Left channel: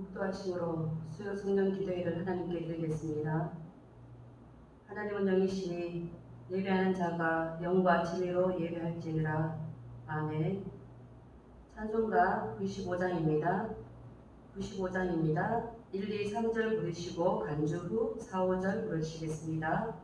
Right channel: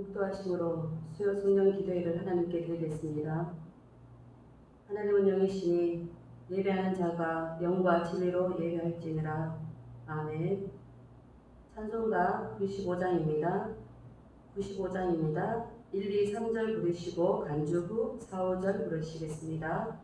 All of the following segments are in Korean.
목도하심으로 수요 성령 기도회를 하나님께 드리겠습니다. 하나님은 영이시니 예배하는 자가 영과 진리로 예배할지니라. 아멘. 찬송가 95장입니다. 1, 2, 3절 부르시고 간주 후 4, 5절 부르시겠습니다.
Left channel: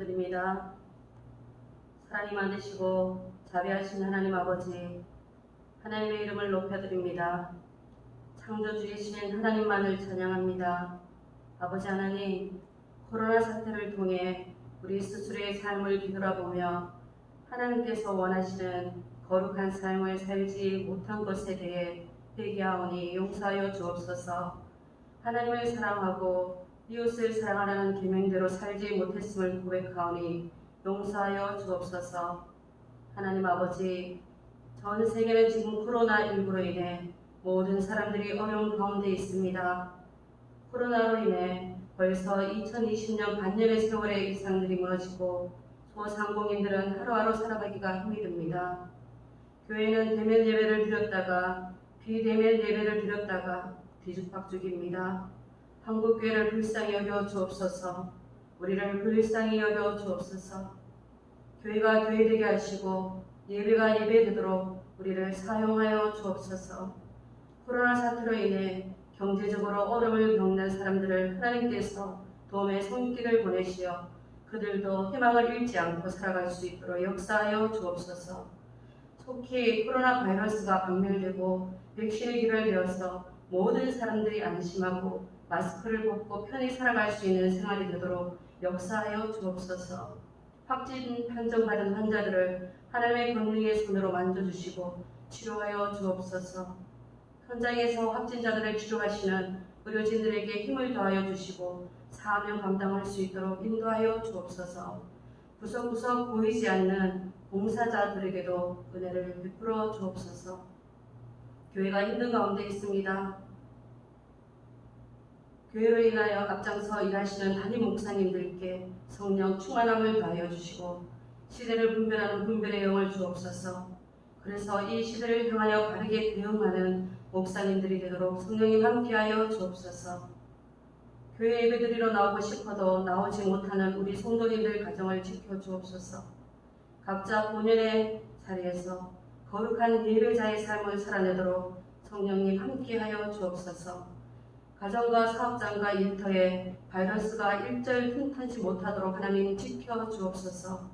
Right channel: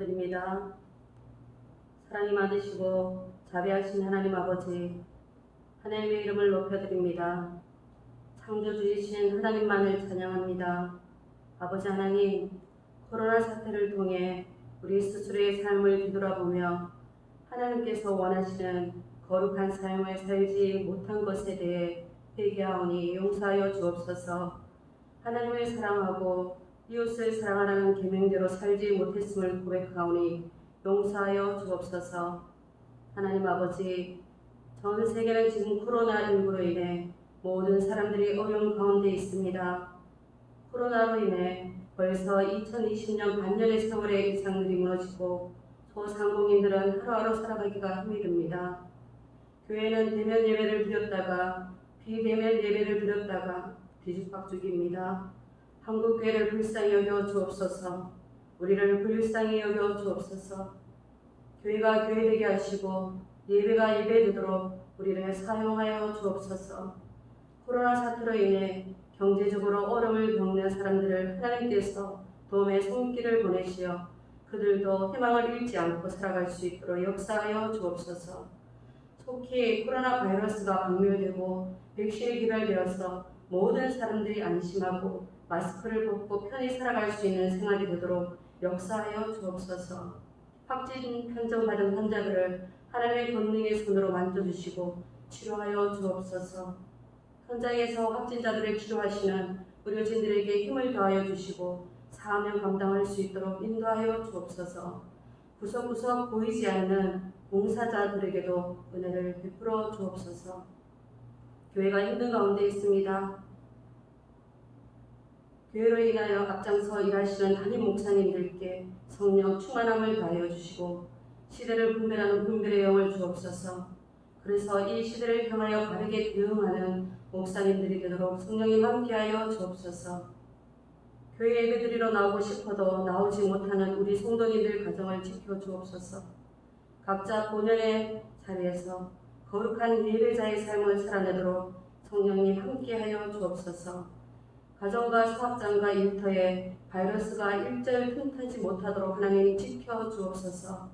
기도드립니다. 사랑이 많으시고 자비하신 하나님 아버지, 하나님의 이름을 높여드립니다. 창조주이신 하나님만을 찬양합니다. 아버지 하나님, 코로나 사태를 통해 우리 스스로의 삶을 뒤돌아보며 하나님께서 원하시는 거룩한 삶을 살지 못한 것에 대해 회개하오니 용서하여 주옵소서. 하나님을 사랑하고 이웃을 사랑하라는 계명대로 살지 못했음을 고백하오니 용서하여 주옵소서. 하나님 아버지, 전 세계는 지금 코로나19로 인해 모든 사람들이 어려운 가운데 있습니다. 코로나로 인해 벌써 2020년 반년의 세월의 일상들이 무너지고 소상공인들은 하루하루 살아가기가 힘이 듭니다. 교회는 대면 예배를 드렸다가 비대면 예배를 드렸다가 뒤죽박죽입니다. 한국교회를 불쌍히 여겨 주옵소서. 우리를 불쌍히 여겨 주옵소서. 교회가 교회되게 하시고 예배가 예배되도록 우리를 사용하여 주옵소서. 코로나 사태로 인해 경제적으로 어려움을 겪는 사람들을 하나님께서 도움의 손길을 보내시어 그들도 희망을 잃지 않고 살아갈 수 있도록 역사하여 주옵소서. 속히 코로나 바이러스가 박멸되고 백신이 개발되어서 모든 사람들이 안심하고 마스크를 벗고 편히 살아갈 수 있는 생활이 되도록 역사하여 주옵소서. 확진 판정받은 환자들을 하나님의 권능의 손으로 만져주시고 치료하여 주옵소서. 현장에서 확진자들을 치료하시는 의료진들에게 힘을 더하여 주시고 사명 감당할 수 있도록 인도하여 주옵소서. 구석구석 보이지 않는 봉사자들에게도 은혜를 베풀어 주옵소서. 교회가 힘든 가운데 있습니다. 교회로 인하여 앞장서 일하시는 담임 목사님들께 성령 충만함을 더하여 주시고 시대를 분별하는 분별의 영을 주옵소서. 그래서 이 시대를 향하여 바르게 대응하는 목사님들이 되도록 성령님 함께하여 주옵소서. 교회 예배드리러 나오고 싶어도 나오지 못하는 우리 성도님들 가정을 지켜주옵소서. 각자 본연의 자리에서 거룩한 예배자의 삶을 살아내도록 성령님 함께하여 주옵소서. 가정과 사업장과 일터에 바이러스가 일절 틈타지 못하도록 하나님 지켜주옵소서.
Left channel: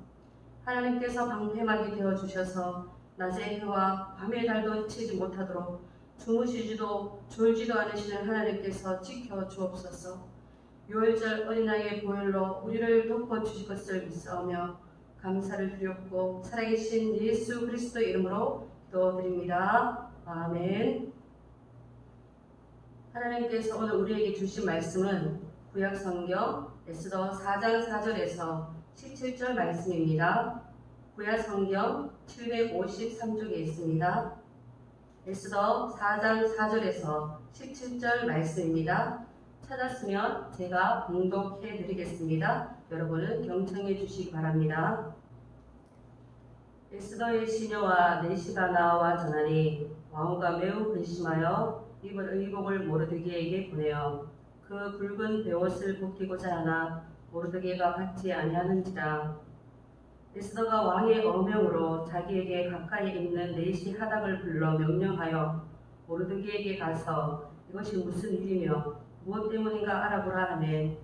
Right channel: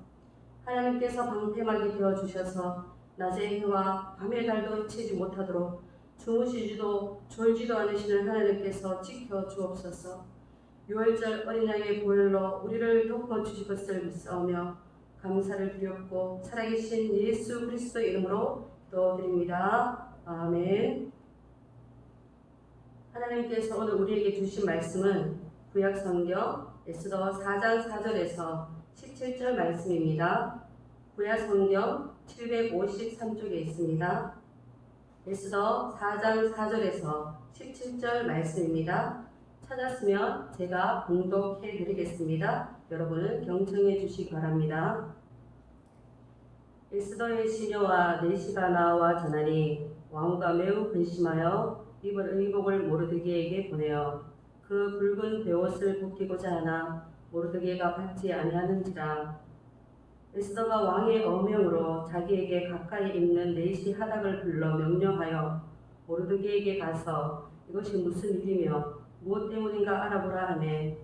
하나님께서 방패막이 되어주셔서 낮의 해와 밤의 달도 해치지 못하도록 주무시지도 졸지도 않으시는 하나님께서 지켜주옵소서. 6월절 어린 양의 보혈로 우리를 덮어주실 것을 믿사오며 감사를 드렸고 살아계신 예수 그리스도 이름으로 기도드립니다. 아멘. 하나님께서 오늘 우리에게 주신 말씀은 구약성경 에스더 4장 4절에서 17절 말씀입니다. 구약성경 753쪽에 있습니다. 에스더 4장 4절에서 17절 말씀입니다. 찾았으면 제가 봉독해 드리겠습니다. 여러분은 경청해 주시기 바랍니다. 에스더의 시녀와 내시가 나와 전하니 왕후가 매우 근심하여 입을 의복을 모르드게에게 보내어 그 붉은 베옷을 벗기고자 하나 모르드게가 받지 아니하는지라. 에스더가 왕의 어명으로 자기에게 가까이 있는 내시 하닥을 불러 명령하여 모르드게에게 가서 이것이 무슨 일이며 무엇 때문인가 알아보라 하매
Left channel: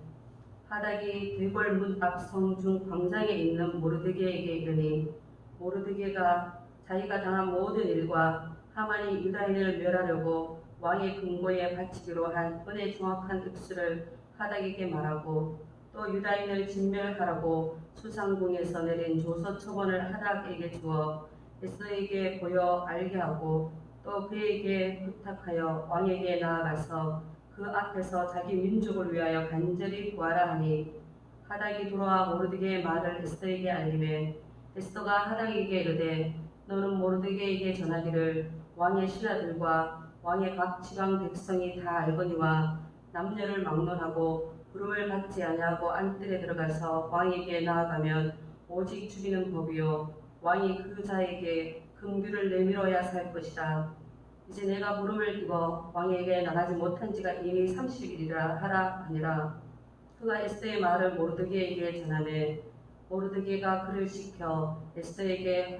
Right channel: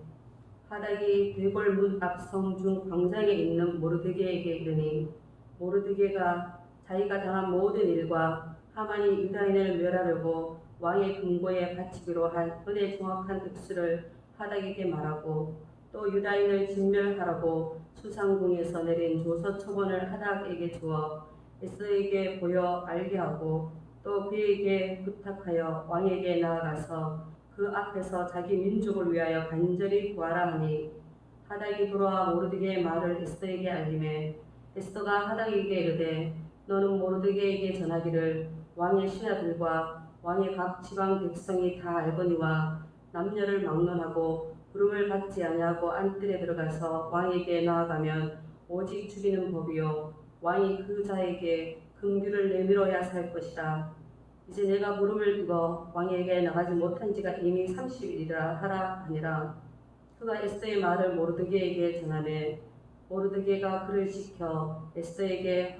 하닥이 대궐 문 앞 성중 광장에 있는 모르드게에게 이르니 모르드게가 자기가 당한 모든 일과 하만이 유다인을 멸하려고 왕의 금고에 바치기로 한 은혜 정확한 읍수를 하닥에게 말하고 또 유다인을 진멸하라고 수상궁에서 내린 조서 처번을 하닥에게 주어 에스더에게 보여 알게 하고 또 그에게 부탁하여 왕에게 나아가서 그 앞에서 자기 민족을 위하여 간절히 구하라 하니 하닥이 돌아와 모르드게의 말을 에스더에게 알리매 에스더가 하닥에게 이르되 너는 모르드게에게 전하기를 왕의 신하들과 왕의 각 지방 백성이 다 알거니와 남녀를 막론하고 부름을 받지 아니하고 안뜰에 들어가서 왕에게 나아가면 오직 죽이는 법이요 왕이 그 자에게 금규를 내밀어야 살 것이다. 이제 내가 부름을 입어 왕에게 나가지 못한 지가 이미 30일이라 하라 하니라. 그가 에스더의 말을 모르드게에게 전하매 모르드게가 그를 지켜 에스더에게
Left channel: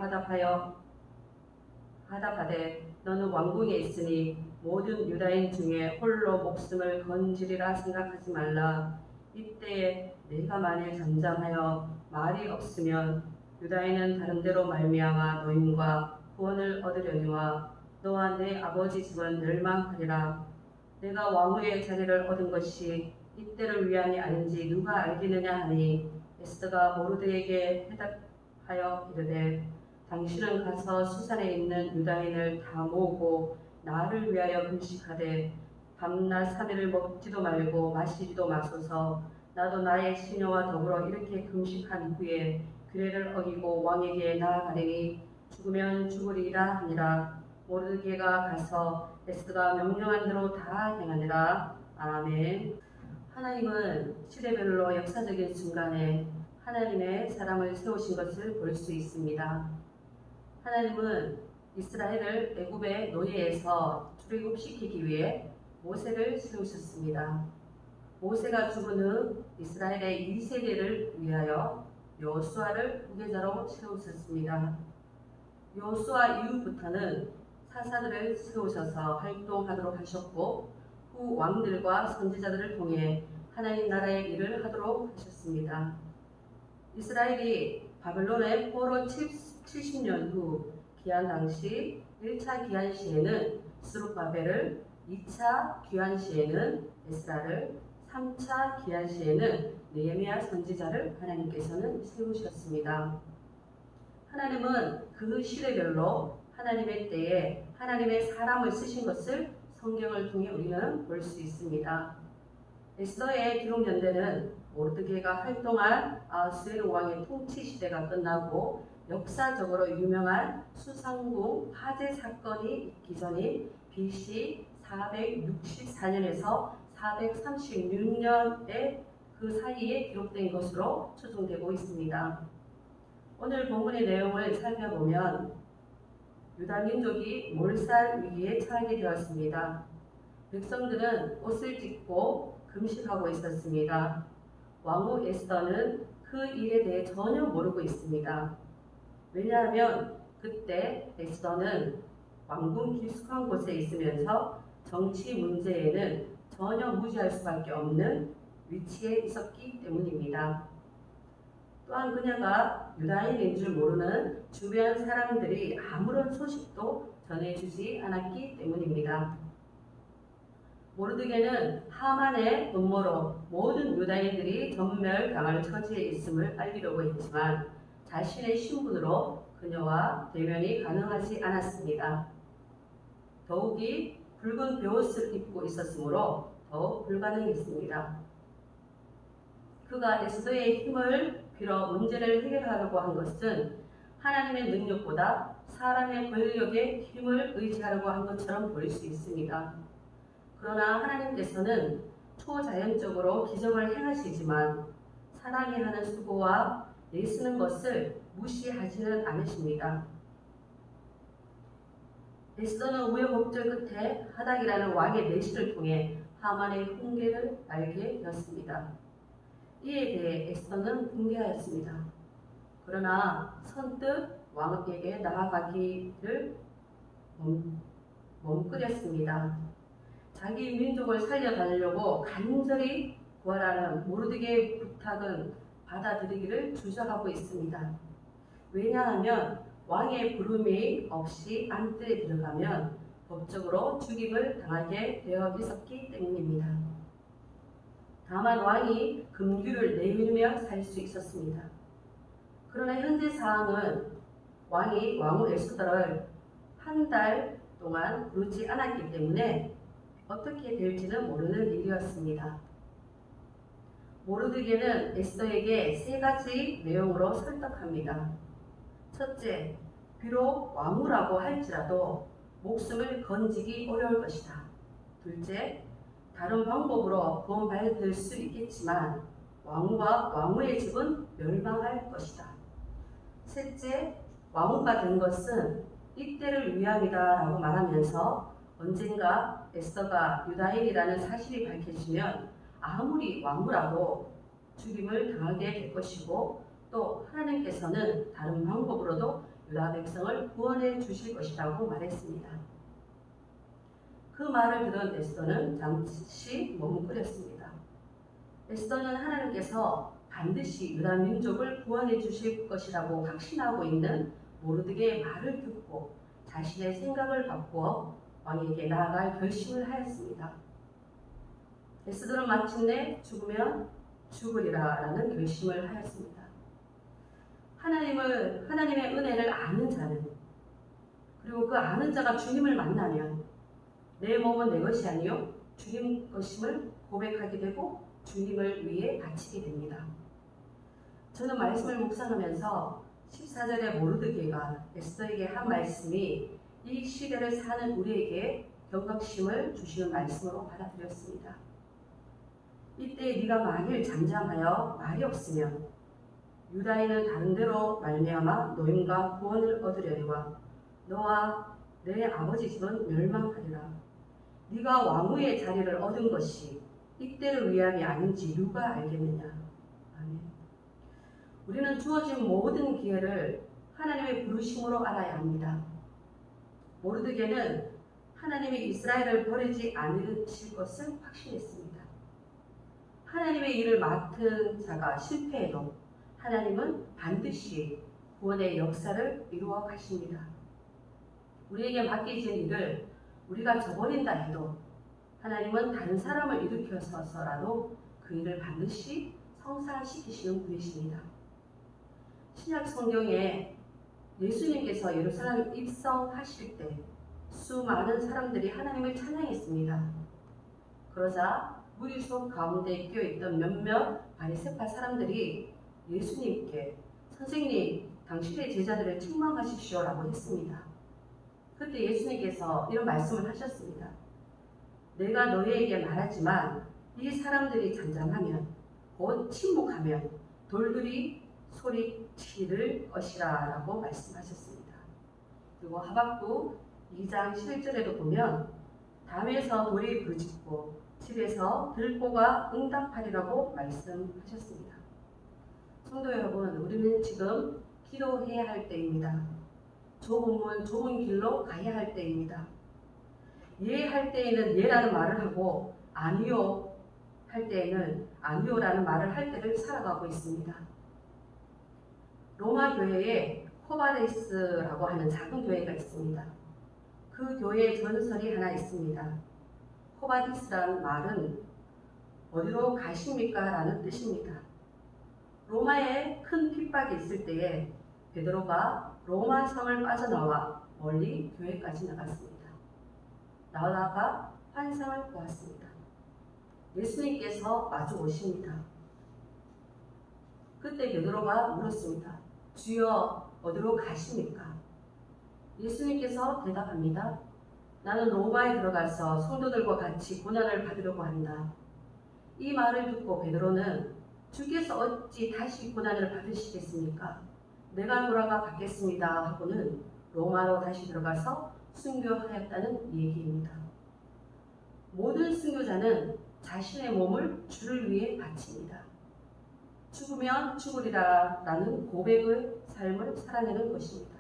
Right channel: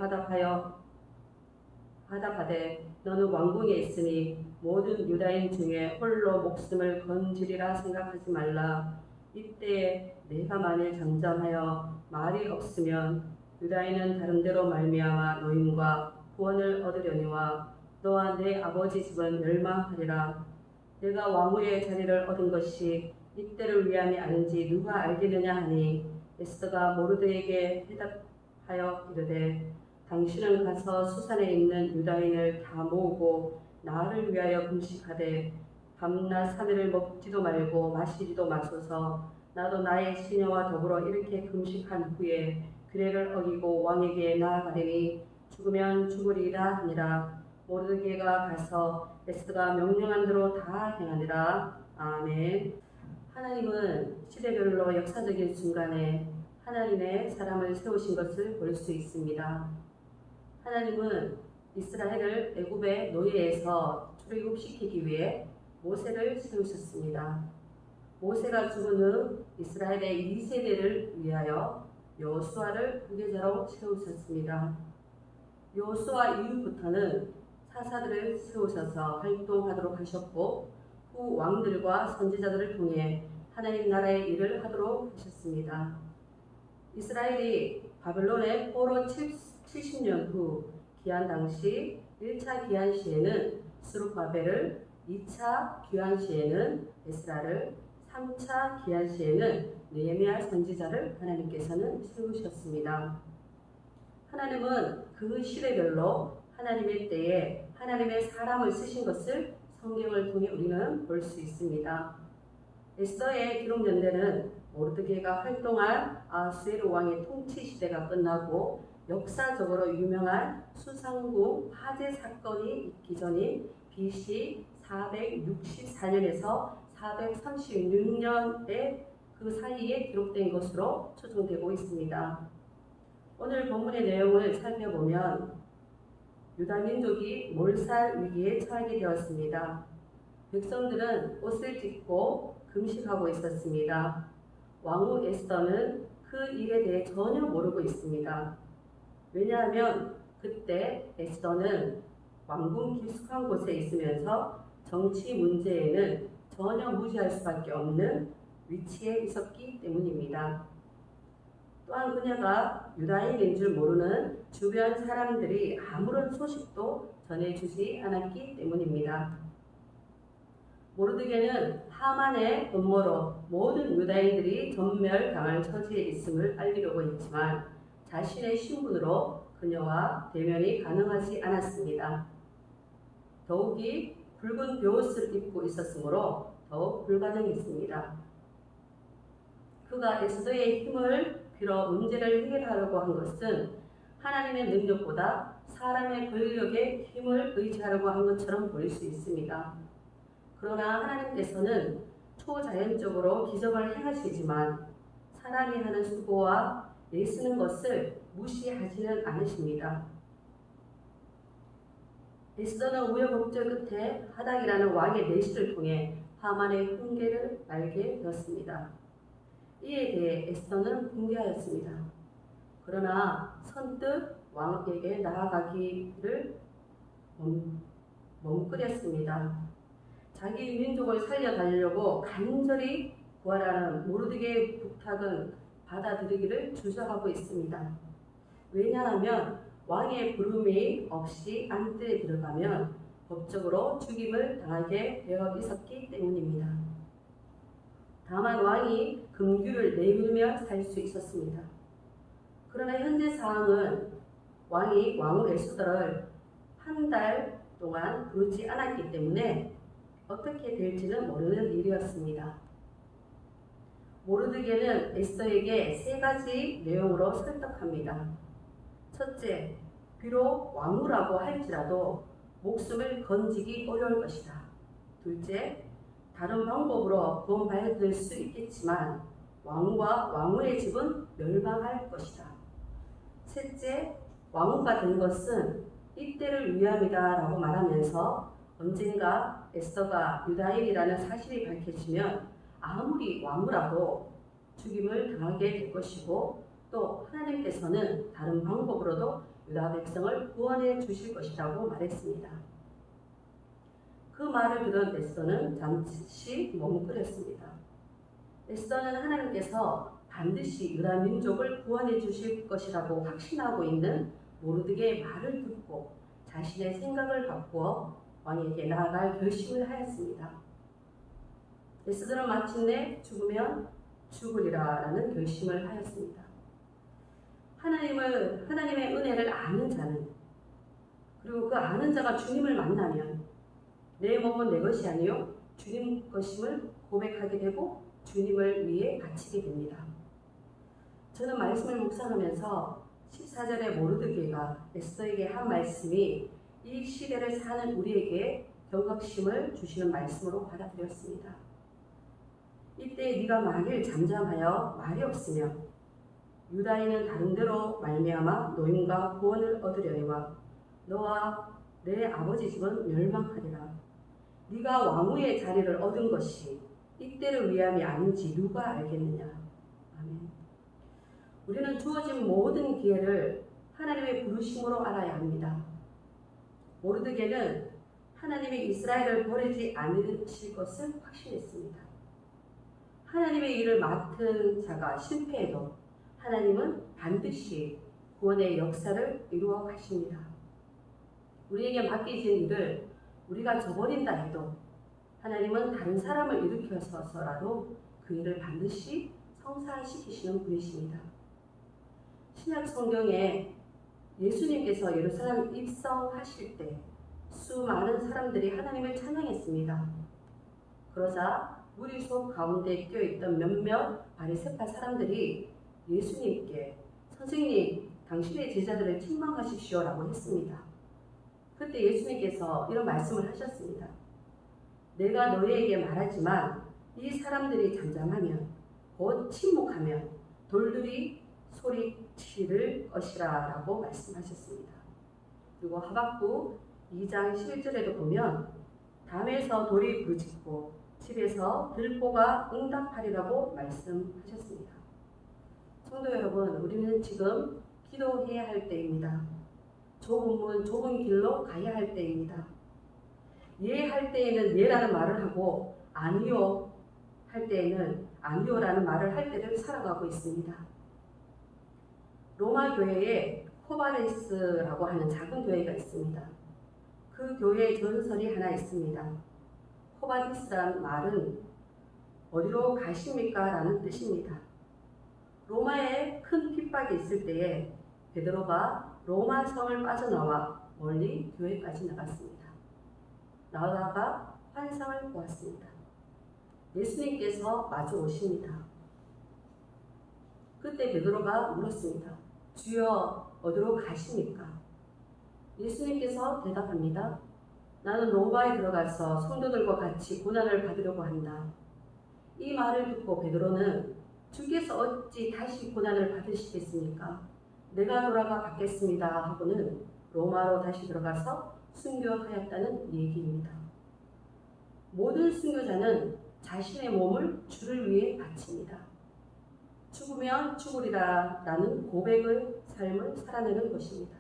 화답하되 너는 왕궁에 있으니 모든 유다인 중에 홀로 목숨을 건지리라 생각하지 말라. 이때에 내가 만일 잠잠하여 말이 없으면 유다인은 다른 데로 말미암아 노임과 구원을 얻으려니와 너와 내 아버지 집은 멸망하리라. 내가 왕후의 자리를 얻은 것이 이때를 위함이 아닌지 누가 알겠느냐 하니 에스더가 모르드에게 대답하여 이르되 당신은 가서 수산에 있는 유다인을 다 모으고 나를 위하여 금식하되 밤낮 3일을 먹지도 말고 마시지도 마소서. 나도 나의 시녀와 더불어 이렇게 금식한 후에 규례를 어기고 왕에게 나아가리니 죽으면 죽으리라 하니라. 모르드게가 가서 에스더가 명령한 대로 다 행하니라. 아멘. 하나님은 시대별로 역사적인 순간에 하나님의 사람을 세우신 것을 볼 수 있습니다. 하나님은 이스라엘을 애굽의 노예에서 출애굽시키기 위해 모세를 세우셨습니다. 모세가 죽은 후 이스라엘의 2세대를 위하여 여호수아를 후계자로 세우셨습니다. 여호수아 이후부터는 사사들을 세우셔서 활동하도록 하셨고 후 왕들과 선지자들을 통해 하나님 나라의 일을 하도록 하셨습니다. 이스라엘이 바벨론의 포로 70년 후 기한 당시 1차 기한 시에는 스룹바벨을, 2차 귀환 시에는 에스라를, 3차 기한 시에는 느헤미야 선지자를 하나님께서는 세우셨습니다. 하나님은 그 시대별로 하나님의 때에 하나님의 사람을 쓰신 것을 성경을 통해 우리는 볼 수 있습니다. 에스더의 기록 연대는 모르드게가 활동한 아하수에로 왕의 통치 시대가 끝나고 역사적으로 유명한 수상궁 화재 사건이 있기 전인 BC 464년에서 436년의 그 사이에 기록된 것으로 추정되고 있습니다. 오늘 본문의 내용을 살펴보면 유다 민족이 몰살 위기에 처하게 되었습니다. 백성들은 옷을 찢고 금식하고 있었습니다. 왕후 에스더는 그 일에 대해 전혀 모르고 있습니다. 왜냐하면 그때 에스더는 왕궁 깊숙한 곳에 있으면서 정치 문제에는 전혀 무지할 수밖에 없는 위치에 있었기 때문입니다. 또한 그녀가 유다인인 줄 모르는 주변 사람들이 아무런 소식도 전해주지 않았기 때문입니다. 모르드게는 하만의 음모로 모든 유다인들이 전멸당할 처지에 있음을 알리려고 했지만 자신의 신분으로 그녀와 대면이 가능하지 않았습니다. 더욱이 붉은 베옷을 입고 있었으므로 더욱 불가능했습니다. 그가 에스더의 힘을 빌어 문제를 해결하려고 한 것은 하나님의 능력보다 사람의 권력의 힘을 의지하려고 한 것처럼 보일 수 있습니다. 그러나 하나님께서는 초자연적으로 기적을 행하시지만 사람이 하는 수고와 애쓰는 것을 무시하지는 않으십니다. 에스더는 우여곡절 끝에 하닥이라는 왕의 내시를 통해 하만의 훈계를 알게 되었습니다. 이에 대해 에스더는 붕괴하였습니다. 그러나 선뜻 왕에게 나아가기를 머뭇거렸습니다. 자기 민족을 살려달라고 간절히 구하라는 모르드게의 부탁은 받아들이기를 주저하고 있습니다. 왜냐하면 왕의 부름이 없이 안뜰에 들어가면 법적으로 죽임을 당하게 되어 있었기 때문입니다. 다만 왕이 금규를 내밀며 살 수 있었습니다. 그러나 현재 상황은 왕이 왕후 에스더를 한 달 동안 부르지 않았기 때문에 어떻게 될지는 모르는 일이었습니다. 모르드게는 에스더에게 세 가지 내용으로 설득합니다. 첫째, 비록 왕후라고 할지라도 목숨을 건지기 어려울 것이다. 둘째, 다른 방법으로 구원받을 수 있겠지만 왕후와 왕후의 집은 멸망할 것이다. 셋째, 왕후가 된 것은 이때를 위함이다 라고 말하면서 언젠가 에스더가 유다인이라는 사실이 밝혀지면 아무리 왕후라도 죽임을 당하게 될 것이고 또 하나님께서는 다른 방법으로도 유다 백성을 구원해 주실 것이라고 말했습니다. 그 말을 들은 에스더는 잠시 머뭇거렸습니다. 에스더는 하나님께서 반드시 유다 민족을 구원해 주실 것이라고 확신하고 있는 모르드게의 말을 듣고 자신의 생각을 바꾸어 왕에게 나아갈 결심을 하였습니다. 에스더는 마침내 죽으면 죽으리라 라는 결심을 하였습니다. 하나님의 은혜를 아는 자는 그리고 그 아는 자가 주님을 만나면 내 몸은 내 것이 아니요 주님 것임을 고백하게 되고 주님을 위해 바치게 됩니다. 저는 말씀을 묵상하면서 14절의 모르드게가 에스더에게 한 말씀이 이 시대를 사는 우리에게 경각심을 주시는 말씀으로 받아들였습니다. 이때 네가 만일 잠잠하여 말이 없으면 유다인은 다른 데로 말미암아 노임과 구원을 얻으려니와 너와 내 아버지 집은 멸망하리라. 네가 왕후의 자리를 얻은 것이 이때를 위함이 아닌지 누가 알겠느냐. 아멘. 우리는 주어진 모든 기회를 하나님의 부르심으로 알아야 합니다. 모르드게는 하나님이 이스라엘을 버리지 않으실 것을 확신했습니다. 하나님의 일을 맡은 자가 실패해도 하나님은 반드시 구원의 역사를 이루어 가십니다. 우리에게 맡겨진 일을 우리가 저버린다 해도 하나님은 다른 사람을 일으켜서라도 그 일을 반드시 성사시키시는 분이십니다. 신약 성경에 예수님께서 예루살렘에 입성하실 때 수많은 사람들이 하나님을 찬양했습니다. 그러자 무리 속 가운데 끼어있던 몇몇 바리새파 사람들이 예수님께 선생님, 당신의 제자들을 책망하십시오라고 했습니다. 그때 예수님께서 이런 말씀을 하셨습니다. 내가 너희에게 말하지만 이 사람들이 잠잠하면 곧 침묵하면 돌들이 소리치를 것이라 라고 말씀하셨습니다. 그리고 하박국 2장 11절에도 보면 담에서 돌이 부르짖고 집에서 들보가 응답하리라고 말씀하셨습니다. 성도 여러분, 우리는 지금 기도해야 할 때입니다. 좁은 문, 좁은 길로 가야 할 때입니다. 예 할 때에는 예라는 말을 하고 아니요 할 때에는 아니요라는 말을 할 때를 살아가고 있습니다. 로마 교회에 코바레스라고 하는 작은 교회가 있습니다. 그 교회의 전설이 하나 있습니다. 코바디스라는 말은 어디로 가십니까? 라는 뜻입니다. 로마에 큰 핍박이 있을 때에 베드로가 로마 성을 빠져나와 멀리 교회까지 나갔습니다. 나오다가 환상을 보았습니다. 예수님께서 마주 오십니다. 그때 베드로가 물었습니다. 주여, 어디로 가십니까? 예수님께서 대답합니다. 나는 로마에 들어가서 성도들과 같이 고난을 받으려고 한다. 이 말을 듣고 베드로는 주께서 어찌 다시 고난을 받으시겠습니까? 내가 돌아가 받겠습니다 하고는 로마로 다시 들어가서 순교하였다는 얘기입니다. 모든 순교자는 자신의 몸을 주를 위해 바칩니다. 죽으면 죽으리라 라는 고백의 삶을 살아내는 것입니다.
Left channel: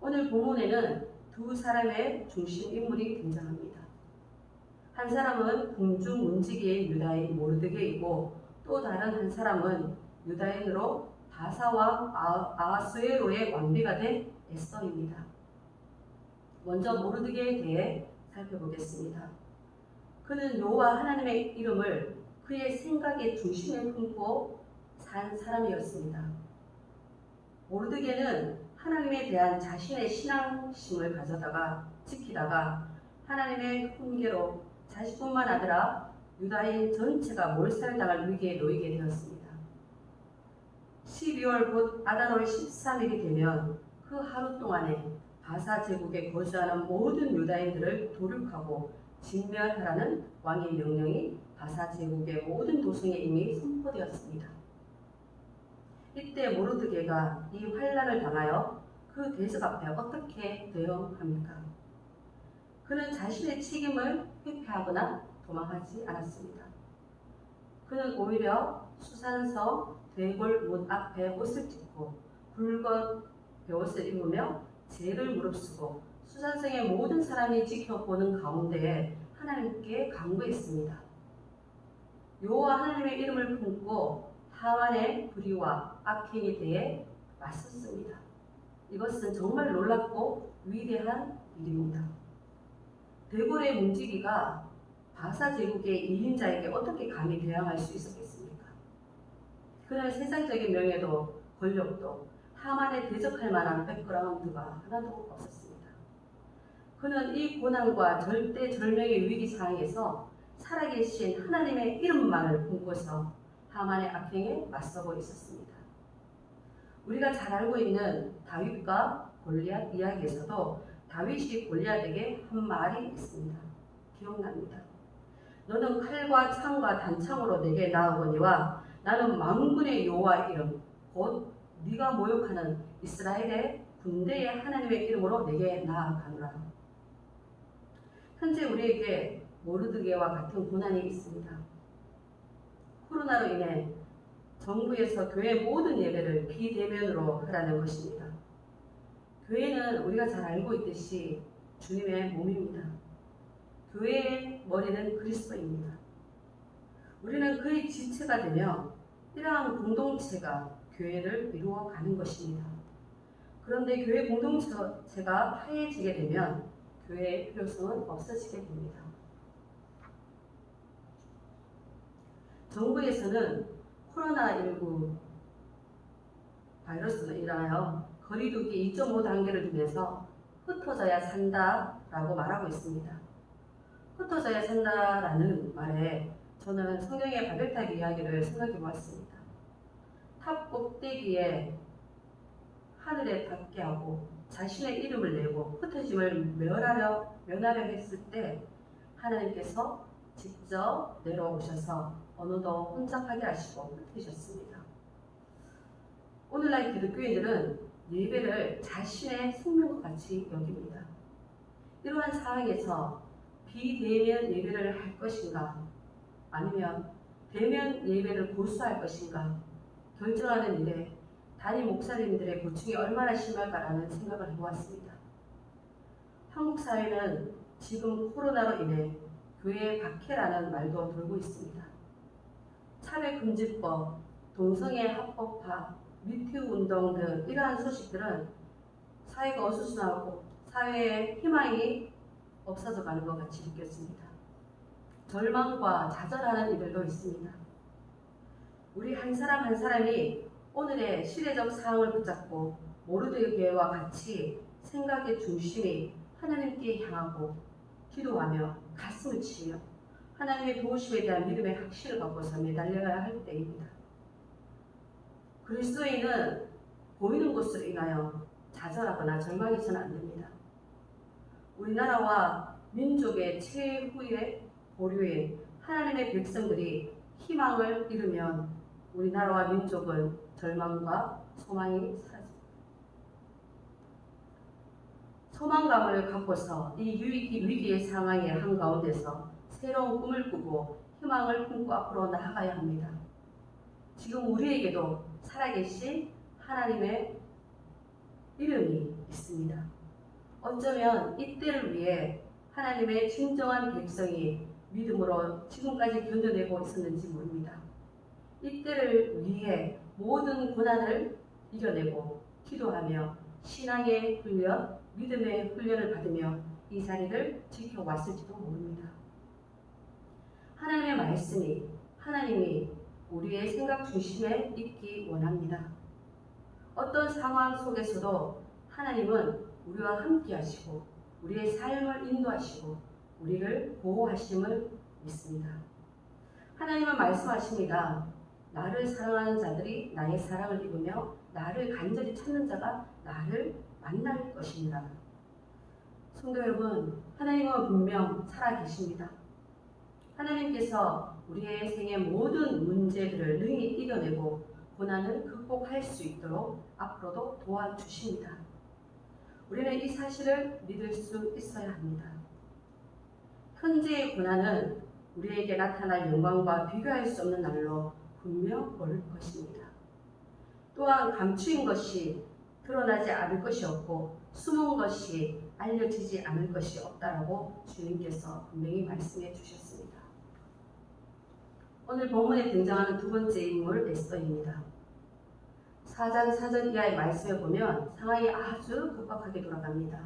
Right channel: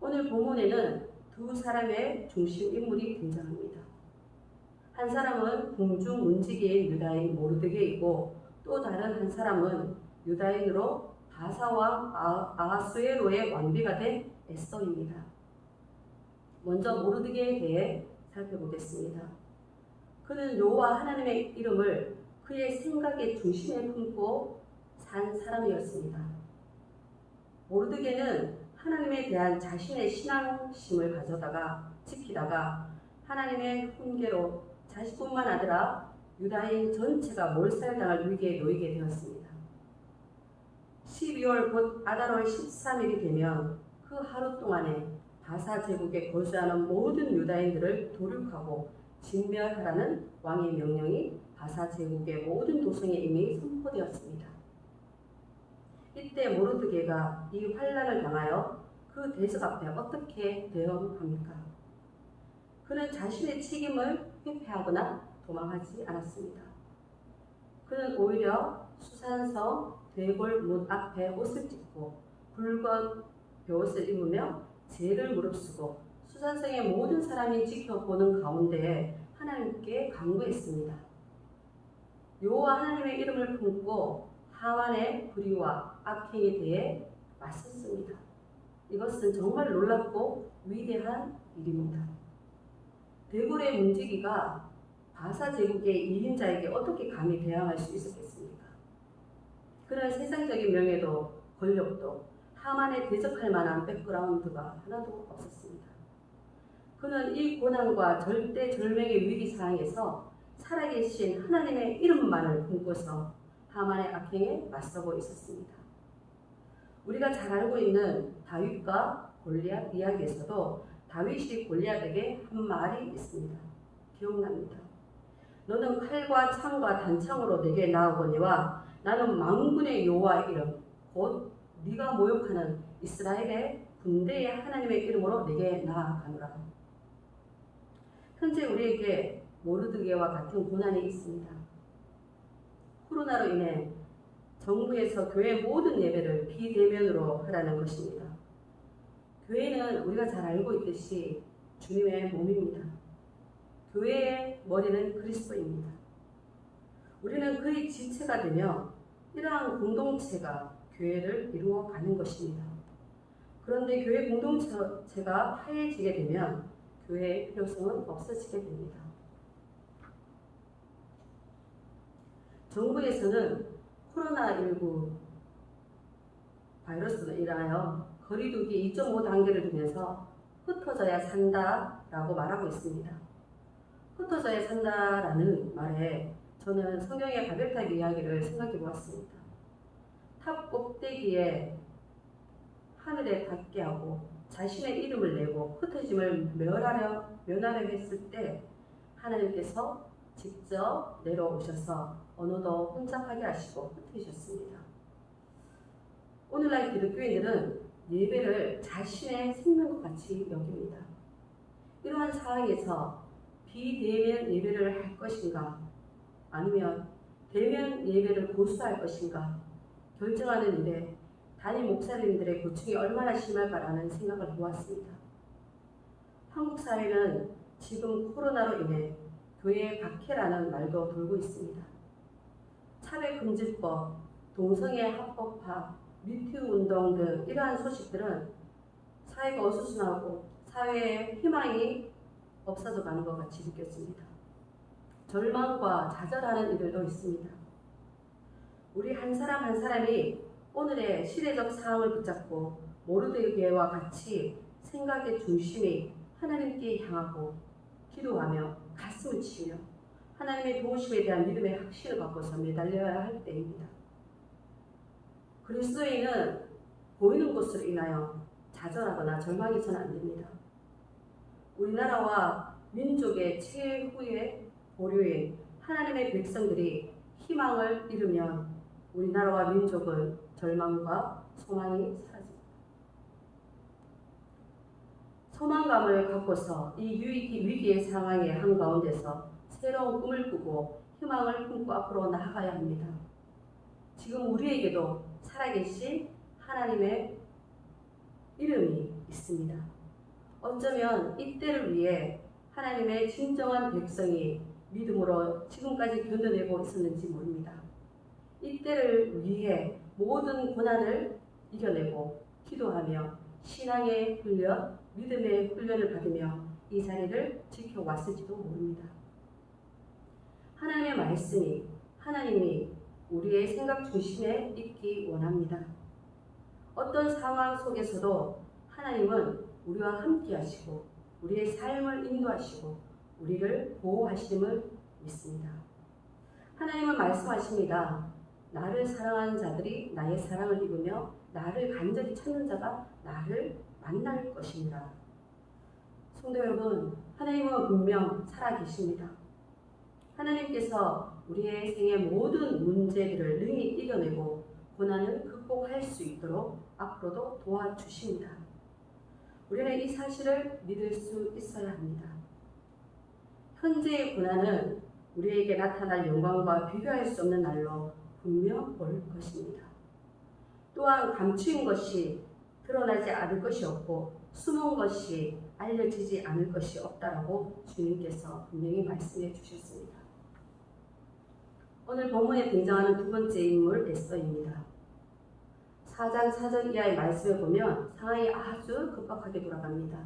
오늘 본문에는 두 사람의 중심 인물이 등장합니다. 한 사람은 궁중 문지기인 유다인 모르드게이고 또 다른 한 사람은 유다인으로 바사왕 아하수에로의 왕비가 된 에스더입니다. 먼저 모르드게에 대해 살펴보겠습니다. 그는 여호와 하나님의 이름을 그의 생각의 중심에 품고 산 사람이었습니다. 모르드게는 하나님에 대한 자신의 신앙심을 가져다가 지키다가 하나님의 훈계로 자신뿐만 아니라 유다인 전체가 몰살당할 위기에 놓이게 되었습니다. 12월 곧 아달월 13일이 되면 그 하루 동안에 바사 제국에 거주하는 모든 유다인들을 도륙하고 진멸하라는 왕의 명령이 바사 제국의 모든 도성에 이미 선포되었습니다. 이때 모르드게가 이 환난을 당하여 그 대적 앞에 어떻게 대응합니까? 그는 자신의 책임을 회피하거나 도망하지 않았습니다. 그는 오히려 수산성 대궐문 앞에 옷을 찢고 굵은 베옷을 입으며 죄를 무릅쓰고 수산성의 모든 사람이 지켜보는 가운데 하나님께 간구했습니다. 여호와 하나님의 이름을 품고 하만의 불의와 악행에 대해 맞섰습니다. 이것은 정말 놀랍고 위대한 일입니다. 대궐의 문지기가 바사 제국의 2인자에게 어떻게 감히 대항할 수 있었겠습니까? 그는 세상적인 명예도 권력도 하만에 대적할 만한 백그라운드가 하나도 없었습니다. 그는 이 고난과 절대절명의 위기 상황에서 살아계신 하나님의 이름만을 품고서 하만의 악행에 맞서고 있었습니다. 우리가 잘 알고 있는 다윗과 골리앗 이야기에서도 다윗이 골리앗에게 한 말이 있습니다. 기억납니다. 너는 칼과 창과 단창으로 내게 나아오거니와 나는 만군의 여호와의 이름 곧 네가 모욕하는 이스라엘의 군대의 하나님의 이름으로 내게 나아가노라. 현재 우리에게 모르드게와 같은 고난이 있습니다. 코로나로 인해 정부에서 교회 모든 예배를 비대면으로 하라는 것입니다. 교회는 우리가 잘 알고 있듯이 주님의 몸입니다. 교회의 머리는 그리스도입니다. 우리는 그의 지체가 되며 이러한 공동체가 교회를 이루어가는 것입니다. 그런데 교회 공동체가 하얘지게 되면 교회의 필요성은 없어지게 됩니다. 정부에서는 코로나19 바이러스로 인하여 거리두기 2.5 단계를 두면서 흩어져야 산다라고 말하고 있습니다. 흩어져야 산다라는 말에 저는 성경의 바벨탑 이야기를 생각해 보았습니다. 탑 꼭대기에 하늘에 닿게 하고 자신의 이름을 내고 흩어짐을 면하려 했을 때 하나님께서 직접 내려오셔서 어느덧 혼잡하게 하시고 흩으셨습니다. 오늘날 기독교인들은 예배를 자신의 생명과 같이 여깁니다. 이러한 상황에서 비대면 예배를 할 것인가 아니면 대면 예배를 고수할 것인가 결정하는 일에 담임 목사님들의 고충이 얼마나 심할까라는 생각을 해보았습니다. 한국 사회는 지금 코로나로 인해 교회 박해라는 말도 돌고 있습니다. 차별금지법, 동성애 합법화, 미투 운동 등 이러한 소식들은 사회가 어수선하고 사회의 희망이 없어져 가는 것 같이 느꼈습니다. 절망과 좌절하는 이들도 있습니다. 우리 한 사람 한 사람이 오늘의 시대적 상황을 붙잡고 모르드게와 같이 생각의 중심이 하나님께 향하고 기도하며 가슴을 치며 하나님의 도우심에 대한 믿음의 확신을 갖고서 매달려야 할 때입니다. 그리스도인은 보이는 것으로 인하여 좌절하거나 절망해서는 안 됩니다. 우리나라와 민족의 최후의 보류인 하나님의 백성들이 희망을 잃으면 우리나라와 민족은 절망과 소망이 사라집니다. 소망감을 갖고서 이 위기의 상황의 한가운데서 새로운 꿈을 꾸고 희망을 품고 앞으로 나아가야 합니다. 지금 우리에게도 살아계신 하나님의 이름이 있습니다. 어쩌면 이때를 위해 하나님의 진정한 백성이 믿음으로 지금까지 견뎌내고 있었는지 모릅니다. 이때를 위해 모든 고난을 이겨내고 기도하며 신앙의 훈련, 믿음의 훈련을 받으며 이 자리를 지켜왔을지도 모릅니다. 하나님의 말씀이 하나님이 우리의 생각 중심에 있기 원합니다. 어떤 상황 속에서도 하나님은 우리와 함께 하시고 우리의 삶을 인도하시고 우리를 보호하심을 믿습니다. 하나님은 말씀하십니다. 나를 사랑하는 자들이 나의 사랑을 입으며 나를 간절히 찾는 자가 나를 만날 것입니다. 성도 여러분, 하나님은 분명 살아계십니다. 하나님께서 우리의 생의 모든 문제들을 능히 이겨내고 고난을 극복할 수 있도록 앞으로도 도와주십니다. 우리는 이 사실을 믿을 수 있어야 합니다. 현재의 고난은 우리에게 나타날 영광과 비교할 수 없는 날로 분명 올 것입니다. 또한 감추인 것이 드러나지 않을 것이 없고 숨은 것이 알려지지 않을 것이 없다라고 주님께서 분명히 말씀해 주셨습니다. 오늘 본문에 등장하는 두 번째 인물 에스더입니다. 4장 4절 이하의 말씀에 보면 상황이 아주 급박하게 돌아갑니다.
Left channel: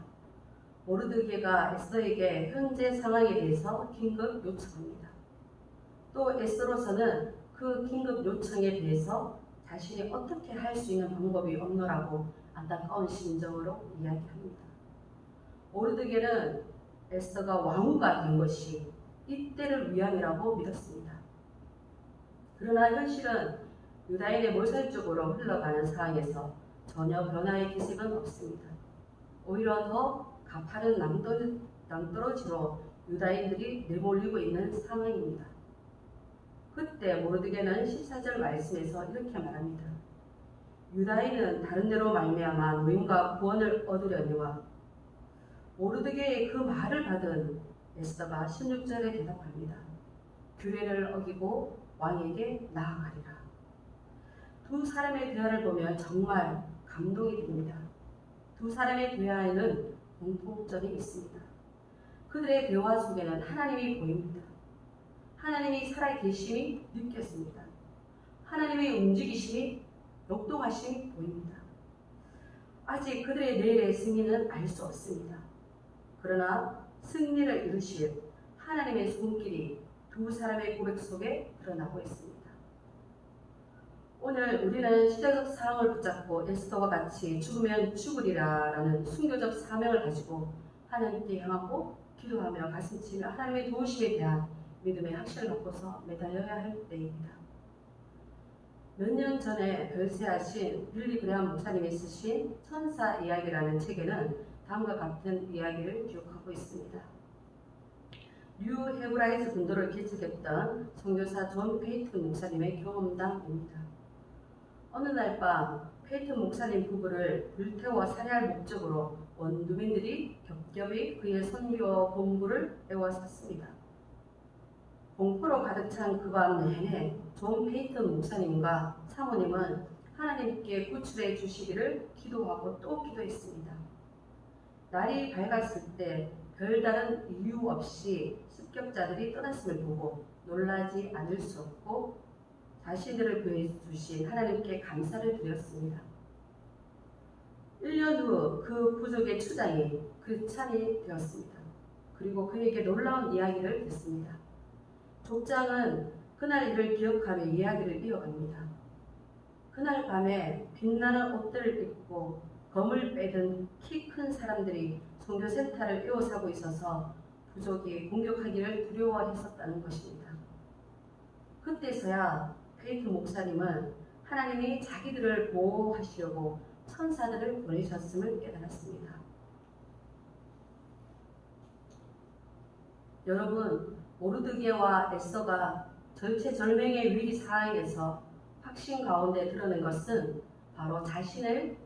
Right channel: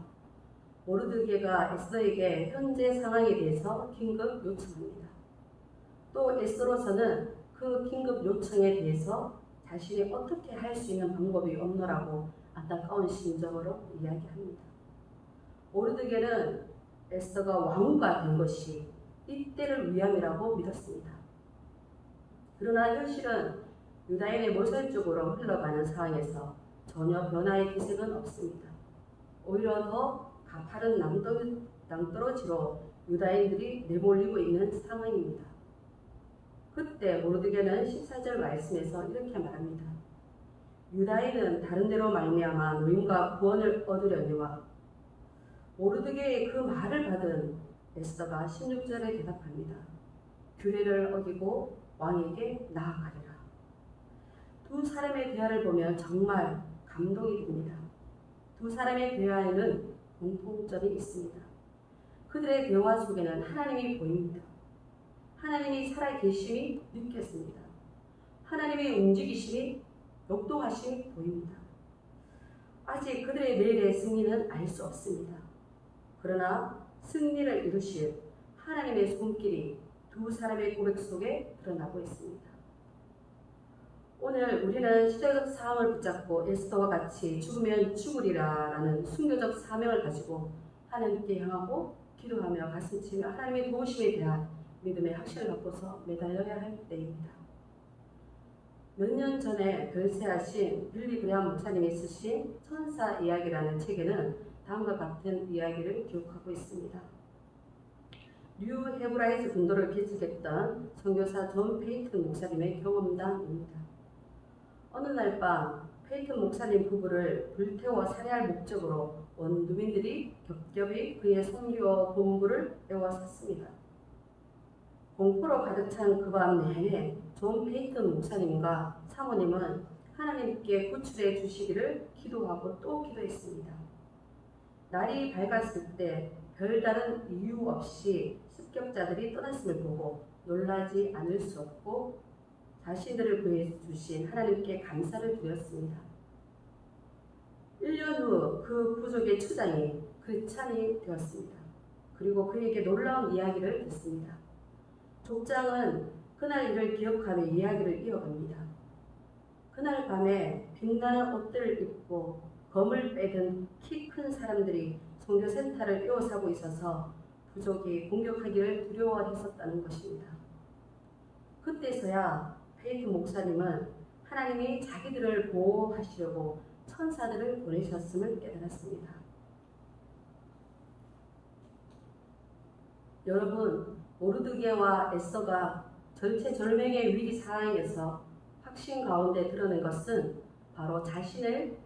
모르드게가 에스더에게 현재 상황에 대해서 긴급 요청합니다. 또 에스더로서는 그 긴급 요청에 대해서 자신이 어떻게 할 수 있는 방법이 없노라고 안타까운 심정으로 이야기합니다. 모르드게는 에스더가 왕후가 된 것이 이때를 위함이라고 믿었습니다. 그러나 현실은 유다인의 몰살 쪽으로 흘러가는 상황에서 전혀 변화의 기색은 없습니다. 오히려 더 가파른 낭떠러지로 유다인들이 내몰리고 있는 상황입니다. 그때 모르드게는 14절 말씀에서 이렇게 말합니다. 유다인은 다른 데로 말미암아 노임과 구원을 얻으려니와 모르드게의 그 말을 받은 에스더가 16절에 대답합니다. 규례를 어기고 왕에게 나아가리라. 두 사람의 대화를 보면 정말 감동이 됩니다. 두 사람의 대화에는 공통점이 있습니다. 그들의 대화 속에는 하나님이 보입니다. 하나님이 살아계심이 느꼈습니다. 하나님의 움직이심이 역동하심이 보입니다. 아직 그들의 내일의 승리는 알 수 없습니다. 그러나 승리를 이루실 하나님의 손길이 두 사람의 고백 속에 드러나고 있습니다. 오늘 우리는 시대적 상황을 붙잡고 에스더와 같이 죽으면 죽으리라 라는 순교적 사명을 가지고 하나님께 향하고 기도하며 가슴치며 하나님의 도우심에 대한 믿음의 확신을 갖고서 매달려야 할 때입니다. 몇 년 전에 별세하신 빌리 그레엄 목사님이 쓰신 천사 이야기라는 책에는 다음과 같은 이야기를 기록하고 있습니다. 뉴 헤브라이즈 분도를 개척했던 선교사 존 페이튼 목사님의 경험담입니다. 어느 날 밤 페이튼 목사님 부부를 불태워 살해할 목적으로 원주민들이 겹겹이 그의 선교 본부를 에워쌌습니다. 공포로 가득 찬 그 밤 내내 존 페이튼 목사님과 사모님은 하나님께 구출해 주시기를 기도하고 또 기도했습니다. 날이 밝았을 때 별다른 이유 없이 습격자들이 떠났음을 보고 놀라지 않을 수 없고 자신들을 구해주신 하나님께 감사를 드렸습니다. 1년 후 그 부족의 추장이 크리스찬이 되었습니다. 그리고 그에게 놀라운 이야기를 듣습니다. 족장은 그날 일을 기억하며 이야기를 이어갑니다. 그날 밤에 빛나는 옷들을 입고 검을 빼든 키 큰 사람들이 선교센터를 에워싸고 있어서 부족이 공격하기를 두려워했었다는 것입니다. 그때서야 페이튼 목사님은 하나님이 자기들을 보호하시려고 천사들을 보내셨음을 깨달았습니다. 여러분, 모르드게와 에스더가 절체절명의 위기 상황에서 확신 가운데 드러낸 것은 바로 자신을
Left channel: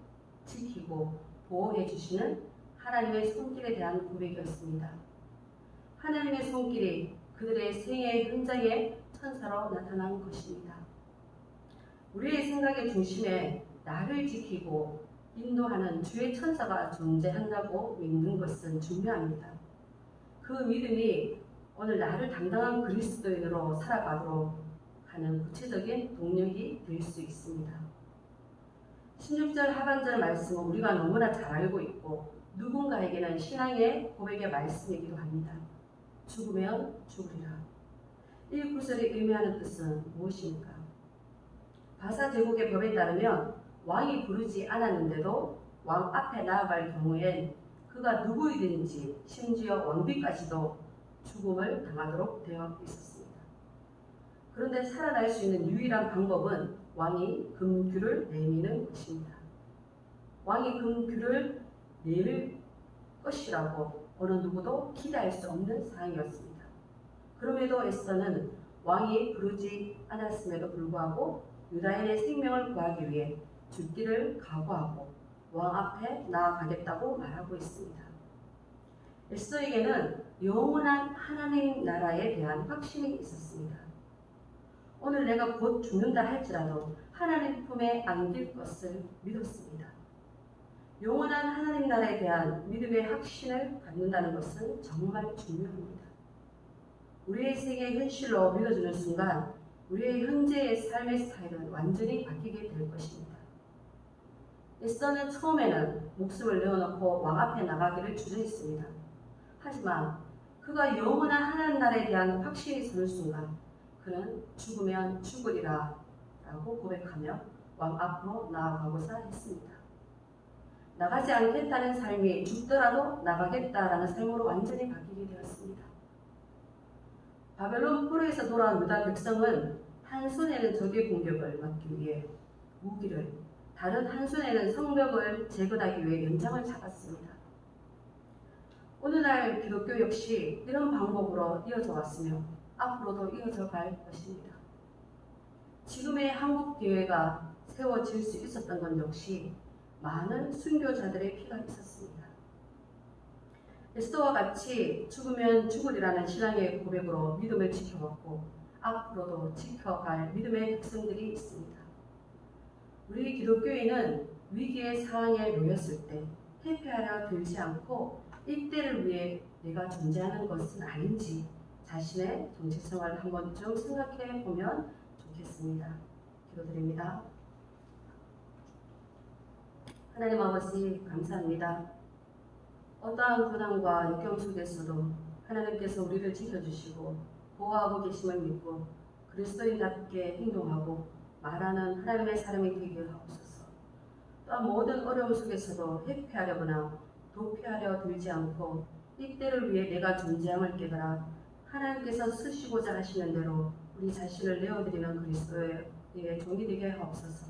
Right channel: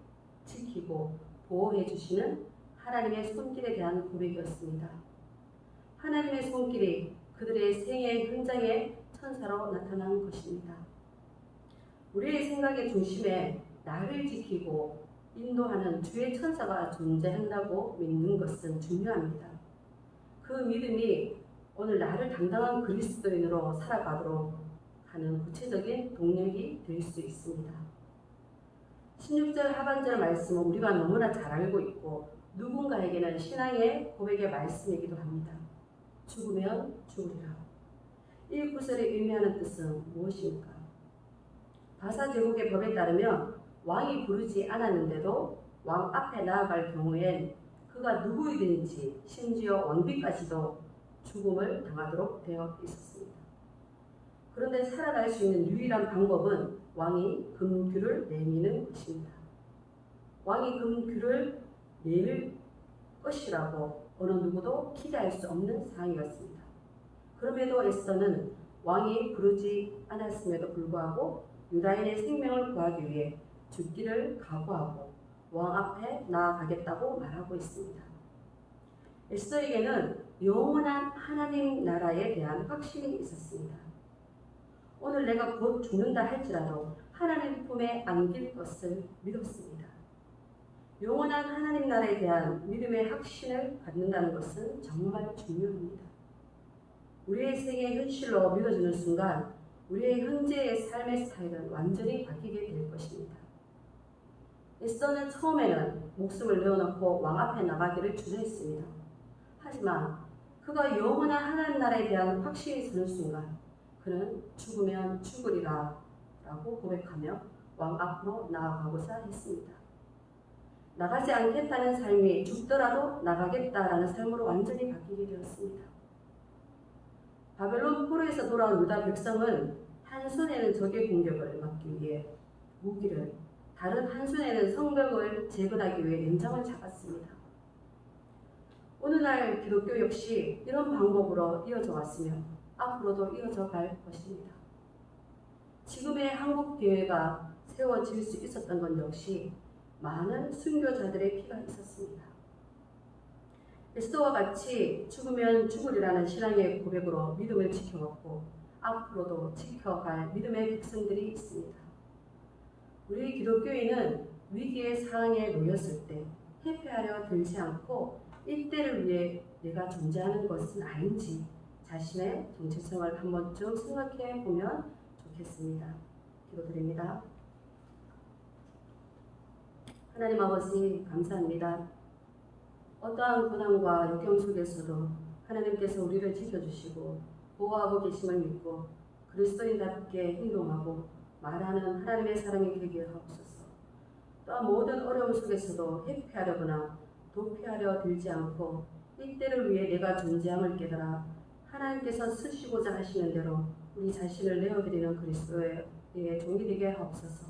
지키고 보호해 주시는 하나님의 손길에 대한 고백이었습니다. 하나님의 손길이 그들의 생애 현장에 천사로 나타난 것입니다. 우리의 생각의 중심에 나를 지키고 인도하는 주의 천사가 존재한다고 믿는 것은 중요합니다. 그 믿음이 오늘 나를 당당한 그리스도인으로 살아가도록 하는 구체적인 동력이 될 수 있습니다. 16절 하반절 말씀은 우리가 너무나 잘 알고 있고 누군가에게는 신앙의 고백의 말씀이기도 합니다. 죽으면 죽으리라. 이 구절이 의미하는 뜻은 무엇입니까? 바사 제국의 법에 따르면 왕이 부르지 않았는데도 왕 앞에 나아갈 경우엔 그가 누구이든지 심지어 왕비까지도 죽음을 당하도록 되어 있었습니다. 그런데 살아날 수 있는 유일한 방법은 왕이 금규를 내미는 것입니다. 왕이 금규를 내밀 것이라고 어느 누구도 기대할 수 없는 상황이었습니다. 그럼에도 에스더는 왕이 부르지 않았음에도 불구하고 유다인의 생명을 구하기 위해 죽기를 각오하고 왕 앞에 나아가겠다고 말하고 있습니다. 에스더에게는 영원한 하나님 나라에 대한 확신이 있었습니다. 오늘 내가 곧 죽는다 할지라도 하나님 품에 안길 것을 믿었습니다. 영원한 하나님 나라에 대한 믿음의 확신을 갖는다는 것은 정말 중요합니다. 우리의 생애 현실로 믿어지는 순간 우리의 현재의 삶의 스타일은 완전히 바뀌게 될 것입니다. 에스더는 처음에는 목숨을 내어놓고 왕 앞에 나가기를 주저했습니다. 하지만 그가 영원한 하나님 나라에 대한 확신이 서는 순간 그는 죽으면 죽으리라 라고 고백하며 왕 앞으로 나아가고자 했습니다. 나가지 않겠다는 삶이 죽더라도 나가겠다라는 삶으로 완전히 바뀌게 되었습니다. 바벨론 포로에서 돌아온 유다 백성은 한 손에는 적의 공격을 막기 위해 무기를, 다른 한 손에는 성벽을 재건하기 위해 연장을 잡았습니다. 오늘날 기독교 역시 이런 방법으로 이어져 왔으며 앞으로도 이어져 갈 것입니다. 지금의 한국교회가 세워질 수 있었던 건 역시 많은 순교자들의 피가 있었습니다. 에스더와 같이 죽으면 죽으리라는 신앙의 고백으로 믿음을 지켜왔고 앞으로도 지켜갈 믿음의 백성들이 있습니다. 우리 기독교인은 위기의 상황에 놓였을 때 회피하려 들지 않고 이때를 위해 내가 존재하는 것은 아닌지 자신의 정체성을 한 번쯤 생각해 보면 좋겠습니다. 기도드립니다. 하나님 아버지 감사합니다. 어떠한 고난과 역경 속에서도 하나님께서 우리를 지켜주시고 보호하고 계심을 믿고 그리스도인답게 행동하고 말하는 하나님의 사람이 되게 하옵소서. 또한 모든 어려움 속에서도 회피하려거나 도피하려 들지 않고 이때를 위해 내가 존재함을 깨달아 하나님께서 쓰시고자 하시는 대로 우리 자신을 내어드리는 그리스도의 종이 되게 하옵소서.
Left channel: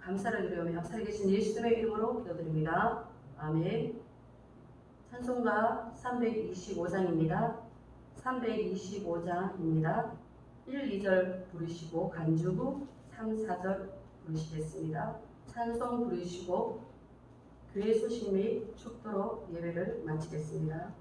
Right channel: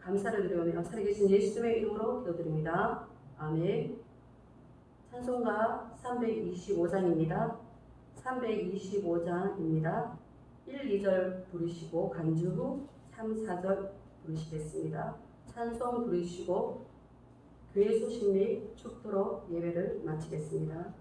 감사를 드리며 살아계신 예수님의 이름으로 기도드립니다. 아멘. 찬송가 325장입니다. 325장입니다. 1, 2절 부르시고 간주부 3, 4절 부르시겠습니다. 찬송 부르시고 교회 소식 및 축도로 예배를 마치겠습니다.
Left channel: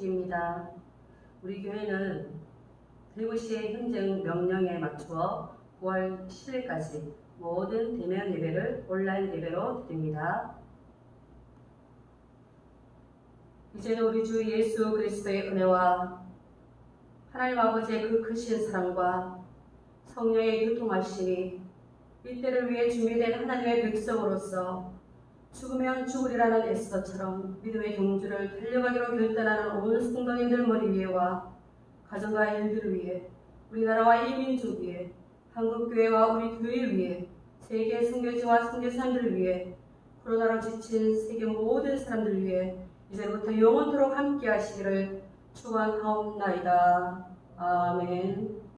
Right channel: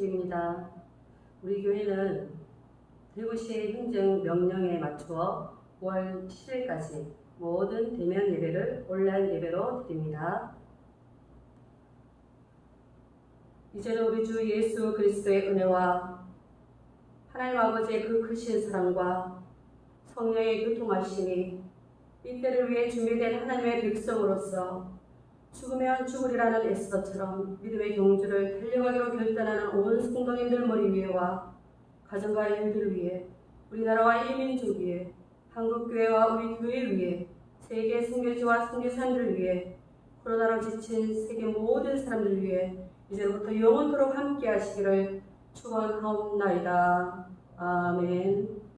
소식입니다. 우리 교회는 대구시의 행정 명령에 맞추어 9월 10일까지 모든 대면 예배를 온라인 예배로 드립니다. 이제는 우리 주 예수 그리스도의 은혜와 하나님 아버지의 그 크신 사랑과 성령의 교통하심이 이때를 위해 준비된 하나님의 백성으로서 죽으면 죽으리라는 에스더처럼 믿음의 경주를 달려가기로 결단하는 온 성도님들 머리 위에와 가정과 일들 위에 우리나라와 이 민족 위에 한국교회와 우리 교회 위에 세계 선교지와 선교사님들 위에 코로나로 지친 세계 모든 사람들 위해 이제부터 영원토록 함께 하시기를 축원하옵나이다. 아멘.